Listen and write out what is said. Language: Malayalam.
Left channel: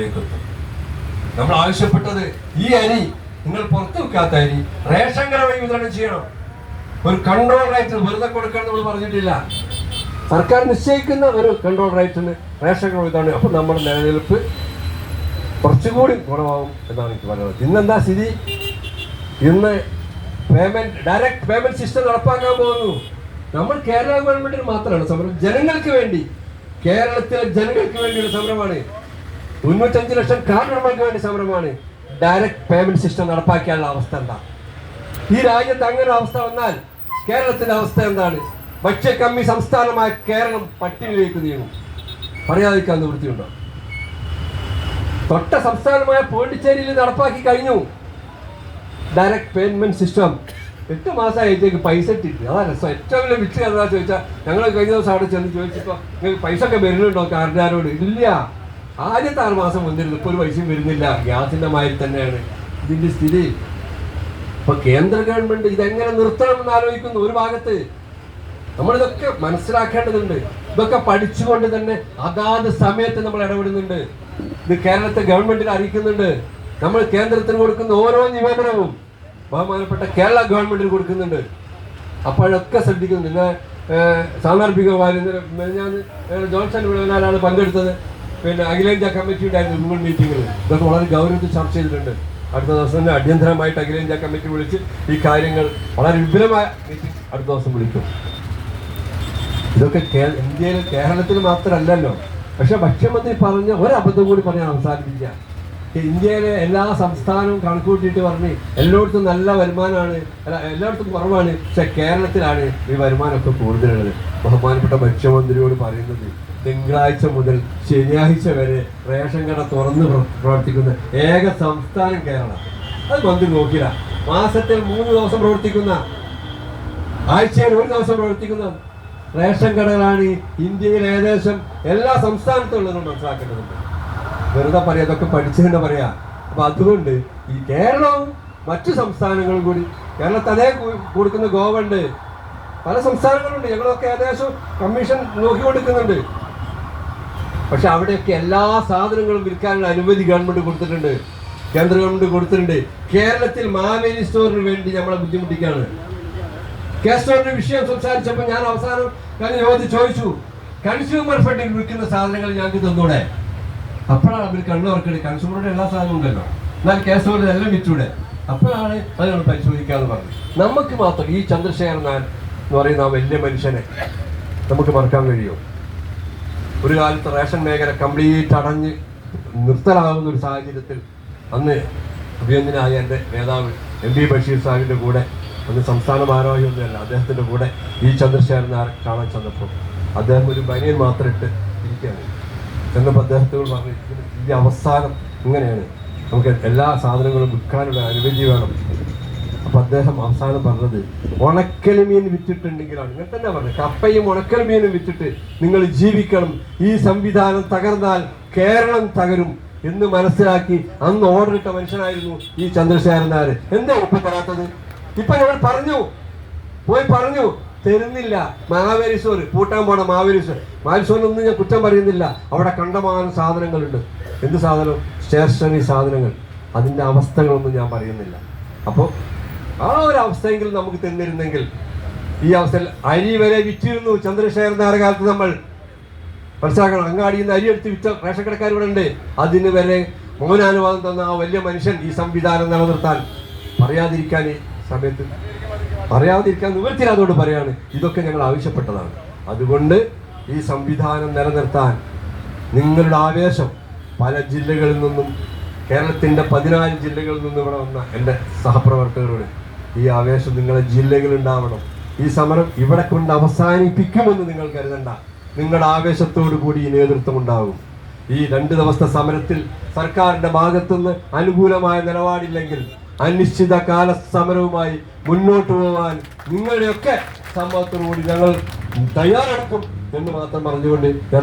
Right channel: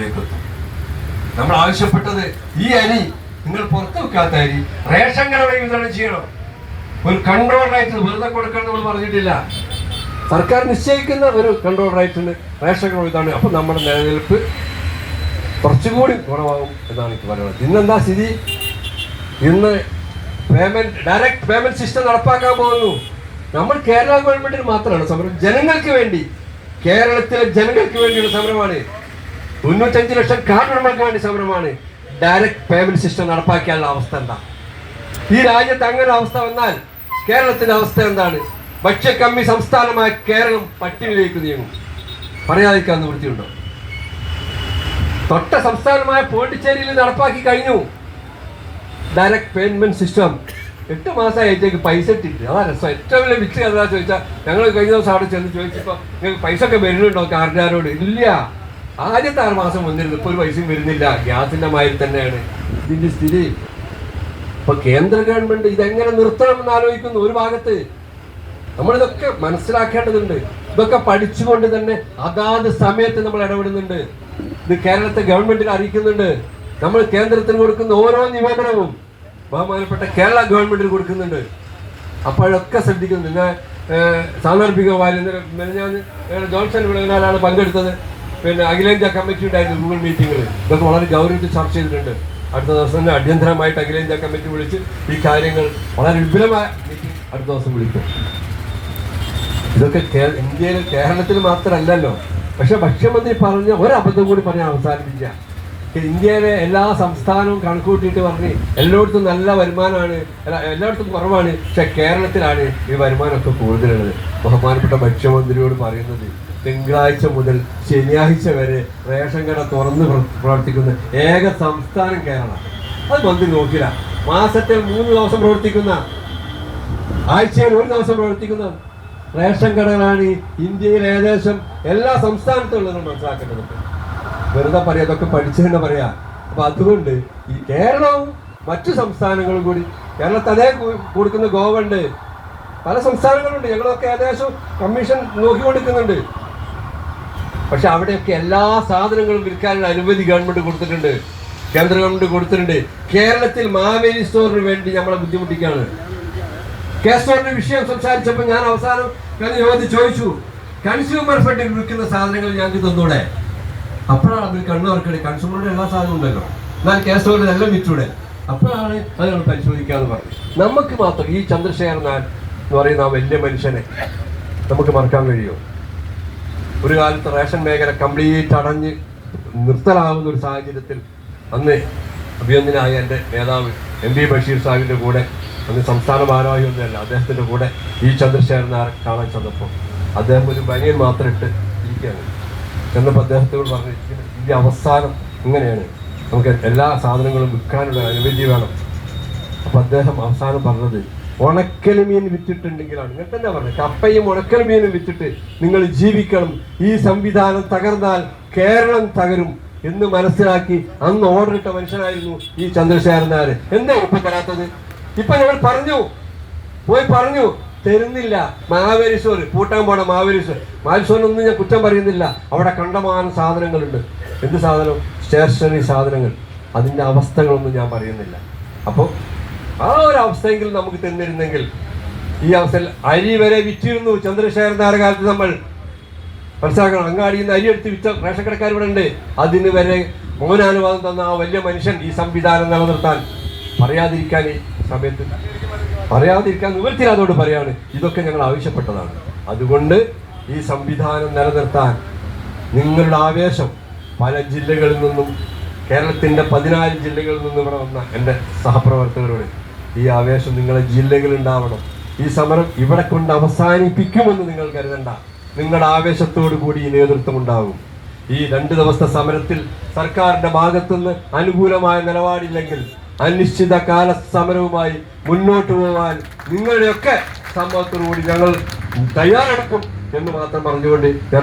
ലെവലിലേക്ക് എത്തും. നമ്മൾ ആവശ്യപ്പെട്ടത് ഈ അരി നിങ്ങൾ പുറത്തു വെക്കാത്ത അരി റേഷൻ കട വഴി വിതരണം ചെയ്യണം. ഒരു കൺട്രോൾ റൈറ്റ് വെറുതെ കൊടുക്കണം നമ്മൾ പറഞ്ഞിട്ടില്ല. സർക്കാർ നിശ്ചയിക്കുന്ന ഒരു കൺട്രോൾ റൈറ്റിന് റേഷൻ കട വിതരണം. അപ്പൊ നമ്മുടെ നിലനിൽപ്പ് കുറച്ചുകൂടി ഗുണമാകും എന്നാണ് എനിക്ക് പറയുന്നത്. ഇന്നെന്താ സ്ഥിതി? ഇന്ന് ഡയറക്റ്റ് പേയ്മെന്റ് സിസ്റ്റം നടപ്പാക്കാൻ പോകുന്നു. നമ്മൾ കേരള ഗവൺമെന്റിന് മാത്രമാണ് സമരം, ജനങ്ങൾക്ക് വേണ്ടി, കേരളത്തിലെ ജനങ്ങൾക്ക് വേണ്ടിയുള്ള സമരമാണ്. 95 ലക്ഷം കാർഡ് ഉടമകൾക്ക് വേണ്ടി സമരമാണ്. ഡയറക്റ്റ് പേയ്മെന്റ് സിസ്റ്റം നടപ്പാക്കാനുള്ള അവസ്ഥ എന്താ? ഈ രാജ്യത്ത് അങ്ങനെ അവസ്ഥ വന്നാൽ കേരളത്തിന്റെ അവസ്ഥ എന്താണ്? ഭക്ഷ്യക്കമ്മി സംസ്ഥാനമായ കേരളം പട്ടിണിയിലേക്ക് നീങ്ങും. പറയാതിരിക്കാൻ നിവൃത്തിയുണ്ടോ? തൊട്ട സംസ്ഥാനമായ പോണ്ടിച്ചേരിയിൽ നടപ്പാക്കി കഴിഞ്ഞു ഡയറക്റ്റ് പേയ്മെന്റ് സിസ്റ്റം. 8 മാസമായിട്ടേക്ക് പൈസ ഇട്ടിട്ട്. ആ രസം. ഏറ്റവും വലിയ വിറ്റ് എന്താ ചോദിച്ചാൽ, ഞങ്ങൾ കഴിഞ്ഞ ദിവസം അവിടെ ചെന്ന് ചോദിച്ചപ്പോൾ നിങ്ങൾക്ക് പൈസ ഒക്കെ വരുന്നുണ്ടോ കാർഡുകാരോട്? ഇല്ല. ആദ്യത്തെ 6 മാസം വന്നിരുന്നു, ഇപ്പോൾ ഒരു പൈസയും വരുന്നില്ല. ഗ്യാസിന്റെ മാതിരി തന്നെയാണ് ഇതിന്റെ സ്ഥിതി. ഇപ്പൊ കേന്ദ്ര ഗവൺമെന്റ് ഇതെങ്ങനെ നിർത്തണമെന്ന് ആലോചിക്കുന്നു. ഒരു ഭാഗത്ത് നമ്മളിതൊക്കെ മനസ്സിലാക്കേണ്ടതുണ്ട്. ഇതൊക്കെ പഠിച്ചുകൊണ്ട് തന്നെ അതാത് സമയത്ത് നമ്മൾ ഇടപെടുന്നുണ്ട്. ഇത് കേരളത്തെ ഗവൺമെന്റിനെ അറിയിക്കുന്നുണ്ട്. നമ്മൾ കേന്ദ്രത്തിന് കൊടുക്കുന്ന ഓരോ നിവേദനവും ബഹുമാനപ്പെട്ട കേരള ഗവൺമെന്റിന് കൊടുക്കുന്നുണ്ട്. അപ്പോഴൊക്കെ ശ്രദ്ധിക്കുന്നു. ഞാൻ സാന്ദർഭികമായി ഞാൻ ജോൺസൺ വിളനാലാണ് പങ്കെടുത്തത്. പിന്നെ അഖിലേന്ത്യാ കമ്മിറ്റി ഉണ്ടായിരുന്നു ഗൂഗിൾ മീറ്റിങ്ങിൽ. ഇതൊക്കെ വളരെ ഗൗരവത്തിൽ ചർച്ച ചെയ്തിട്ടുണ്ട്. അടുത്ത ദിവസം തന്നെ അടിയന്തരമായിട്ട് അഖിലേന്ത്യാ കമ്മിറ്റി വിളിച്ച് ഈ കാര്യങ്ങൾ വളരെ വിപുലമായ മീറ്റിംഗ് അടുത്ത ദിവസം വിളിക്കും. ഇതൊക്കെ ഇന്ത്യയിൽ കേരളത്തിൽ മാത്രമല്ലല്ലോ. പക്ഷെ ഭക്ഷ്യമന്ത്രി പറഞ്ഞ ഒരബദ്ധം കൂടി പറഞ്ഞ് അവസാനിപ്പിക്കുക. ഇന്ത്യയിലെ എല്ലാ സംസ്ഥാനവും കണക്കൂട്ടിയിട്ട് പറഞ്ഞ് എല്ലായിടത്തും നല്ല വരുമാനമാണ്, എല്ലായിടത്തും കുറവാണ്, പക്ഷെ കേരളത്തിലാണ് ഈ വരുമാനമൊക്കെ കൂടുതലുള്ളത്. ബഹുമാനപ്പെട്ട ഭക്ഷ്യമന്ത്രിയോട് പറയുന്നത്, തിങ്കളാഴ്ച മുതൽ ശനിയാഴ്ച വരെ റേഷൻ കട തുറന്ന് പ്രവർത്തിക്കുന്ന ഏക സംസ്ഥാനം കേരളം. അത് മന്ത്രി നോക്കില്ല. മാസത്തിൽ 3 ദിവസം പ്രവർത്തിക്കുന്ന, ആഴ്ചയിൽ 1 ദിവസം പ്രവർത്തിക്കുന്ന റേഷൻ കടകളാണ് ഇന്ത്യയിൽ ഏകദേശം എല്ലാ സംസ്ഥാനത്തും ഉള്ളതെന്ന് മനസ്സിലാക്കേണ്ടതുണ്ട്. വെറുതെ പറയാം, ഇതൊക്കെ പഠിച്ചു തന്നെ പറയാം. അപ്പൊ അതുകൊണ്ട് ഈ കേരളവും മറ്റു സംസ്ഥാനങ്ങളും കൂടി, കേരളത്തിൽ അതേ കൊടുക്കുന്ന ഗോവ ഉണ്ട്, പല സംസ്ഥാനങ്ങളുണ്ട്. ഞങ്ങളൊക്കെ ഏകദേശം കമ്മീഷൻ നോക്കിക്കൊടുക്കുന്നുണ്ട്. പക്ഷെ അവിടെയൊക്കെ എല്ലാ സാധനങ്ങളും വിൽക്കാനുള്ള അനുമതി ഗവൺമെന്റ് കൊടുത്തിട്ടുണ്ട്, കേന്ദ്ര ഗവൺമെന്റ് കൊടുത്തിട്ടുണ്ട്. കേരളത്തിൽ മാവേലി സ്റ്റോറിന് വേണ്ടി നമ്മളെ ബുദ്ധിമുട്ടിക്കുകയാണ്. കെ സ്റ്റോറിന്റെ വിഷയം സംസാരിച്ചപ്പോൾ ഞാൻ അവസാനം ചോദിച്ചു, കൺസ്യൂമർ ഫെഡിൽ വിൽക്കുന്ന സാധനങ്ങൾ ഞങ്ങൾക്ക് തന്നൂടെ? അപ്പോഴാണ് അവർ കണ്ണുവർക്കടി. കൺസ്യൂമറുടെ എല്ലാ സാധനവും ഉണ്ടല്ലോ, എന്നാൽ കെ സ്റ്റോറിന്റെ എല്ലാം വിറ്റൂടെ? അപ്പോഴാണ് അത് നമ്മൾ പരിശോധിക്കാന്ന് പറഞ്ഞു. നമുക്ക് മാത്രം ഈ ചന്ദ്രശേഖരൻ എന്ന് പറയുന്ന ആ വലിയ മനുഷ്യനെ നമുക്ക് മറക്കാൻ കഴിയുമോ? ഒരു കാലത്ത് റേഷൻ മേഖല കംപ്ലീറ്റ് അടഞ്ഞ് നിർത്തലാവുന്ന ഒരു സാഹചര്യത്തിൽ അന്ന് അഭിനന്ദനായ എൻ്റെ നേതാവ് MP ബഷീർ സാഹിബിൻ്റെ കൂടെ, അന്ന് സംസ്ഥാന ഭാരവാഹി ഒന്നുമല്ല, അദ്ദേഹത്തിൻ്റെ കൂടെ ഈ ചന്ദ്രശേഖരൻ കാണാൻ ചെന്നപ്പോൾ അദ്ദേഹം ഒരു ബനിയൻ മാത്രം ഇട്ട് ഇരിക്കുകയാണ്. ചെന്നപ്പോൾ അദ്ദേഹത്തോട് പറഞ്ഞു, ഇതിൻ്റെ അവസാനം ഇങ്ങനെയാണ്, നമുക്ക് എല്ലാ സാധനങ്ങളും വിൽക്കാനുള്ള അനുമതി വേണം. അപ്പം അദ്ദേഹം അവസാനം പറഞ്ഞത്, ഉണക്കൽമീൻ വിറ്റിട്ടുണ്ടെങ്കിലാണ്, ഇങ്ങനെ തന്നെ പറഞ്ഞത്, കപ്പയും ഉണക്കൽമീനും വിറ്റിട്ട് നിങ്ങൾ ജീവിക്കണം. ഈ സംവിധാനം തകർന്നാൽ കേരളം തകരും എന്ന് മനസ്സിലാക്കി അന്ന് ഓർഡർ ഇട്ട മനുഷ്യനായിരുന്നു ഈ ചന്ദ്രശേഖരൻ നായർ. എന്താ ഇപ്പം തരാത്തത്? ഇപ്പൊ ഞങ്ങൾ പറഞ്ഞു തരുന്നില്ല. മാവേലി സ്റ്റോർ പൂട്ടാൻ പോണ മാവേലി സ്റ്റോറിനൊന്നും ഞാൻ കുറ്റം പറയുന്നില്ല. അവിടെ കണ്ടമാനം സാധനങ്ങളുണ്ട്. എന്ത് സാധനം? സ്റ്റേഷനറി സാധനങ്ങൾ. അതിൻ്റെ അവസ്ഥകളൊന്നും ഞാൻ പറയുന്നില്ല. അപ്പോൾ ആ ഒരു അവസ്ഥയെങ്കിലും നമുക്ക് തന്നിരുന്നെങ്കിൽ, ഈ അവസ്ഥയിൽ അരി വരെ വിറ്റിരുന്നു ചന്ദ്രശേഖരൻ നായർ കാലത്ത്. നമ്മൾ മനസ്സിലാക്കണം, അങ്ങാടിയിൽ നിന്ന് അരി എടുത്ത് വിറ്റ റേഷൻ കടക്കാർ ഇവിടെ ഉണ്ട്. അതിന് വരെ മൗനാനുവാദം തന്ന ആ വലിയ മനുഷ്യൻ ഈ സംവിധാനം നിലനിർത്താൻ പറയാതിരിക്കാൻ, ഈ സമയത്ത് പറയാതിരിക്കാൻ നിവൃത്തിയില്ലാതോട് പറയാണ്. ഇതൊക്കെ ഞങ്ങൾ ആവശ്യപ്പെട്ടതാണ്. അതുകൊണ്ട് ഈ സംവിധാനം നിലനിർത്താൻ നിങ്ങളുടെ ആവേശം, പല ജില്ലകളിൽ നിന്നും, കേരളത്തിൻ്റെ 14 ജില്ലകളിൽ നിന്നും ഇവിടെ വന്ന എൻ്റെ സഹപ്രവർത്തകരോട്, ഈ ആവേശം നിങ്ങളെ ജില്ലകളുണ്ടാവണം. ഈ സമരം ഇവിടെ കൊണ്ട് അവസാനിപ്പിക്കുമെന്ന് നിങ്ങൾ കരുതണ്ട. നിങ്ങളുടെ ആവേശത്തോടു കൂടി ഈ നേതൃത്വം ഉണ്ടാകും. ഈ 2 ദിവസത്തെ സമരത്തിൽ സർക്കാരിന്റെ ഭാഗത്തുനിന്ന് അനുകൂലമായ നിലപാടില്ലെങ്കിൽ അനിശ്ചിതകാല സമരവുമായി മുന്നോട്ട് പോകാൻ നിങ്ങളുടെയൊക്കെ സമ്മതത്തോടു കൂടി ഞങ്ങൾ തയ്യാറെടുക്കും എന്ന് മാത്രം പറഞ്ഞുകൊണ്ട് ഞാൻ